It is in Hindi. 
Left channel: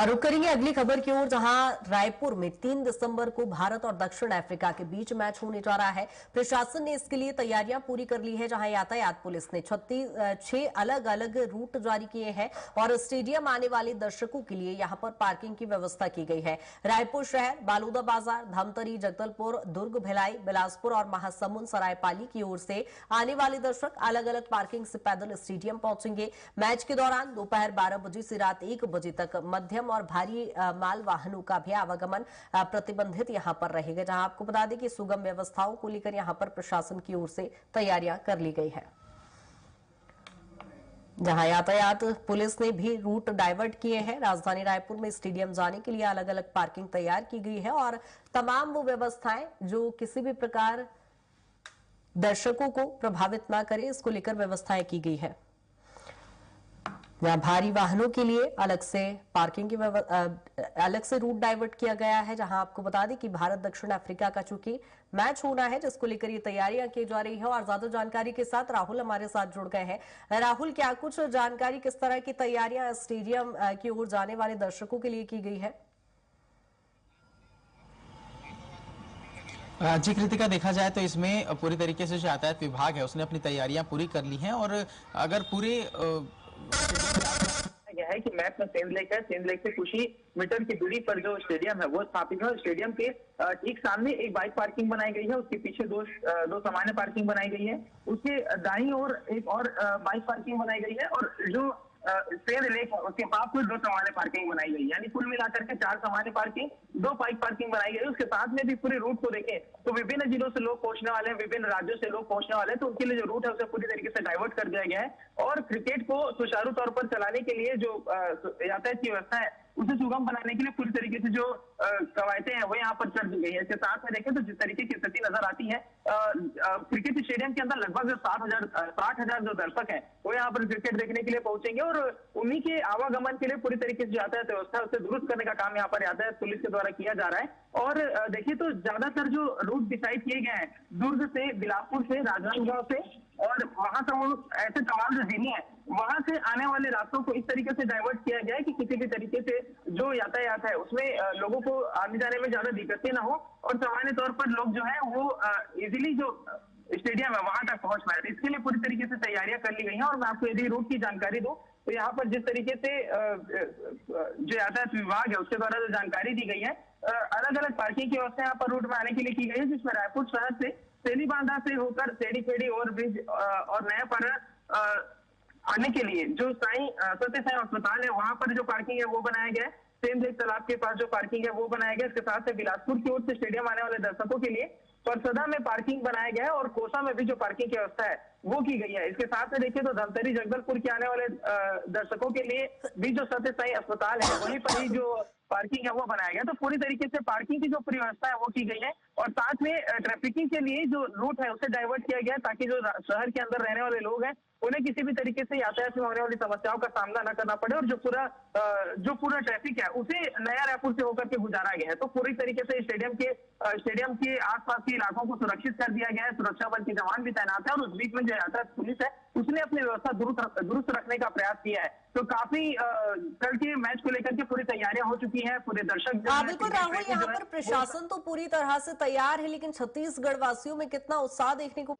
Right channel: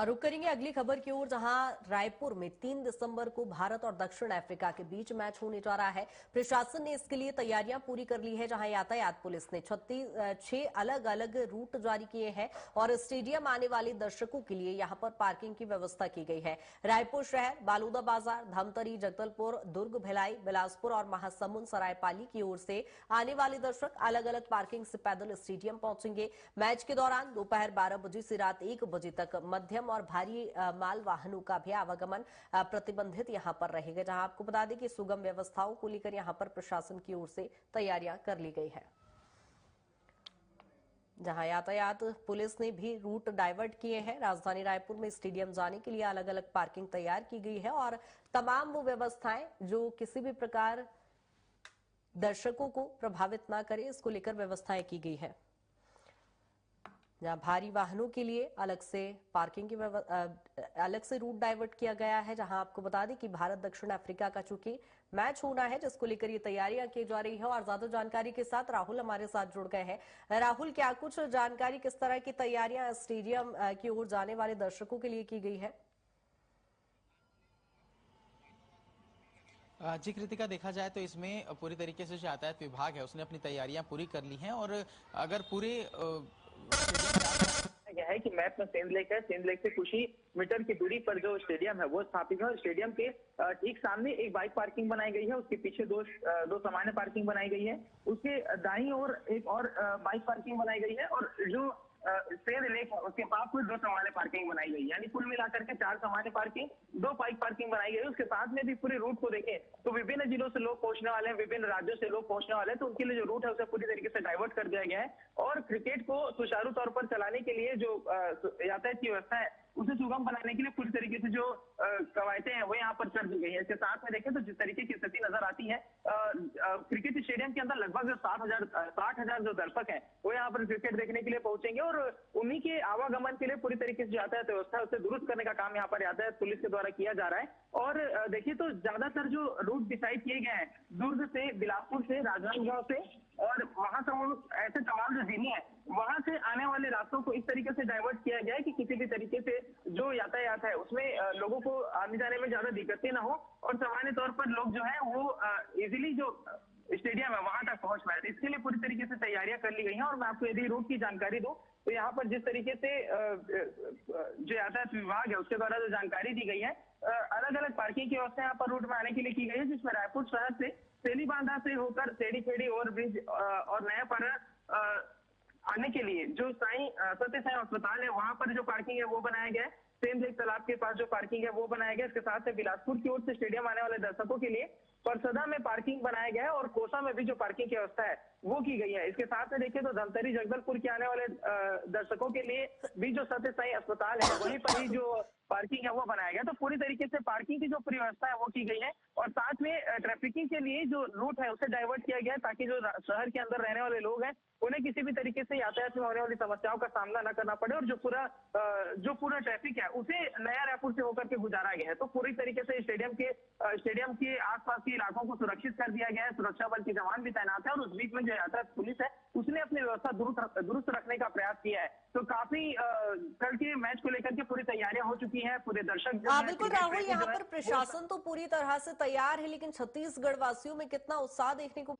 और रुक करेंगे अगली खबर की ओर, जहां रायपुर में 3 दिसंबर को भारत और दक्षिण अफ्रीका के बीच मैच होने जा रहा है। प्रशासन ने इसके लिए तैयारियां पूरी कर ली है, जहां यातायात पुलिस ने 6 अलग अलग रूट जारी किए हैं और स्टेडियम आने वाले दर्शकों के लिए यहां पर पार्किंग की व्यवस्था की गई है। रायपुर शहर, बालूदा बाजार, धमतरी, जगदलपुर, दुर्ग, भिलाई, बिलासपुर और महासमुंद सरायपाली की ओर से आने वाले दर्शक अलग अलग पार्किंग से पैदल स्टेडियम पहुंचेंगे। मैच के दौरान दोपहर 12 बजे से रात 1 बजे तक मध्यम और भारी माल वाहनों का भी आवागमन प्रतिबंधित यहां पर रहेगा, जहां आपको बता दें कि सुगम व्यवस्थाओं को लेकर यहां पर प्रशासन की ओर से तैयारियां कर ली गई है, जहां यातायात पुलिस ने भी रूट डाइवर्ट किए हैं। राजधानी रायपुर में स्टेडियम जाने के लिए अलग अलग पार्किंग तैयार की गई है और तमाम वो व्यवस्थाएं जो किसी भी प्रकार दर्शकों को प्रभावित न करे, इसको लेकर व्यवस्थाएं की गई है। यहाँ भारी वाहनों के लिए अलग से पार्किंग की अलग से रूट डाइवर्ट किया गया है, जहां आपको बता दें कि भारत दक्षिण अफ्रीका का चूंकि मैच होना है, जिसको लेकर ये तैयारियां की जा रही है। और ज्यादा जानकारी के साथ राहुल हमारे साथ जुड़ गए हैं। राहुल, क्या कुछ जानकारी, किस तरह की तैयारियां स्टेडियम की ओर जाने वाले दर्शकों के लिए की गई है? जी कृतिका, देखा जाए तो इसमें पूरी तरीके से जो यातायात विभाग है उसने अपनी तैयारियां पूरी कर ली हैं। और अगर पूरे यह है कि मैप में सेंध लेक है। सेंध लेक से कुछ ही मीटर की दूरी पर जो स्टेडियम है वो स्थापित है। स्टेडियम के ठीक सामने एक बाइक पार्किंग बनाई गई है, उसके पीछे दो सामान्य पार्किंग बनाई गई है, उसके दाईं ओर एक और बाइक पार्किंग बनाई गई है और जो सेंध लेक है उसके पास में 2 सामान्य पार्किंग बनाई गई है। यानी कुल मिलाकर के 4 सामान्य पार्किंग, 2 बाइक पार्किंग बनाई गई है। उसके साथ में भी पूरे रूट को देखें तो विभिन्न जिलों से लोग पहुंचने वाले हैं, विभिन्न राज्यों से लोग पहुंचने वाले हैं, तो उनके लिए जो रूट है उसे पूरी तरीके से डाइवर्ट कर दिया गया है। और क्रिकेट को सुचारू तौर पर चलाने के लिए जो यातायात की व्यवस्था है उसे सुगम बनाने के लिए पूरी तरीके से जो कवायदें हैं वो यहाँ पर कर दी गई है। इसके साथ में देखें तो जिस तरीके की स्थिति नजर आती है, क्रिकेट स्टेडियम के अंदर लगभग 60,000 जो दर्शक हैं वो यहाँ पर क्रिकेट देखने के लिए पहुंचेंगे और उन्हीं के आवागमन के लिए पूरी तरीके से यातायात व्यवस्था उसे दुरुस्त करने का काम यहाँ पर यातायात पुलिस के द्वारा किया जा रहा है। और देखिए तो ज्यादातर जो रूट डिसाइड किए गए हैं, दुर्ग से, बिलासपुर से, राजनांदगांव से और महासमुंद, ऐसे तमाम जो जिले हैं वहां से आने वाले रास्तों को इस तरीके से डाइवर्ट किया गया है कि किसी भी तरीके से जो यातायात है उसमें लोगों को आने जाने में ज्यादा दिक्कतें ना हो और सामान्य तौर पर लोग जो है वो इजीली जो स्टेडियम है वहां तक पहुंच पाए। इसके लिए पूरी तरीके से तैयारियां कर ली गई हैं। और मैं आपको यदि रूट की जानकारी दूं तो यहाँ पर जिस तरीके से जो यातायात विभाग है उसके द्वारा जो जानकारी दी गई है, अलग अलग पार्किंग की व्यवस्था यहाँ पर रूट में आने के लिए की गई है, जिसमें रायपुर शहर से तेलीबांधा से होकर सेड़ी फेड़ी ओवरब्रिज और नयापाड़ा आने के लिए जो सत्य साई अस्पताल है वहां पर जो पार्किंग है वो बनाया गया है। सेंध लेक तालाब के पास जो पार्किंग है वो बनाया गया है। इसके साथ बिलासपुर की ओर से स्टेडियम आने वाले दर्शकों के लिए परसदा में पार्किंग बनाया गया है और कोसा में भी जो पार्किंग की व्यवस्था है वो की गई है। इसके साथ में देखिए तो धमतरी, जगदलपुर के आने वाले दर्शकों के लिए भी जो सत्य साई अस्पताल है वहीं पर ही जो पार्किंग है वो बनाया गया। तो पूरी तरीके से पार्किंग की जो पूरी व्यवस्था है वो की गई है और साथ में ट्रैफिकिंग के लिए जो रूट है उसे डाइवर्ट किया गया है ताकि जो शहर के अंदर रहने वाले लोग हैं उन्हें किसी भी तरीके से यातायात में होने वाली समस्याओं का सामना न करना पड़े और जो पूरा ट्रैफिक है उसे नया रायपुर से होकर के गुजारा गया है। तो पूरी तरीके से स्टेडियम के आसपास के इलाकों को सुरक्षित कर दिया गया है, सुरक्षा बल के जवान भी तैनात है और उस बीच में जो यातायात पुलिस है उसने अपनी व्यवस्था दुरुस्त रखने का प्रयास किया है। तो काफी कल के मैच को लेकर के पूरी तैयारियां हो चुकी हैं। पूरे दर्शक बिल्कुल राहुल, यहाँ पर प्रशासन तो पूरी तरह से तैयार है, लेकिन छत्तीसगढ़ वासियों में कितना उत्साह देखने को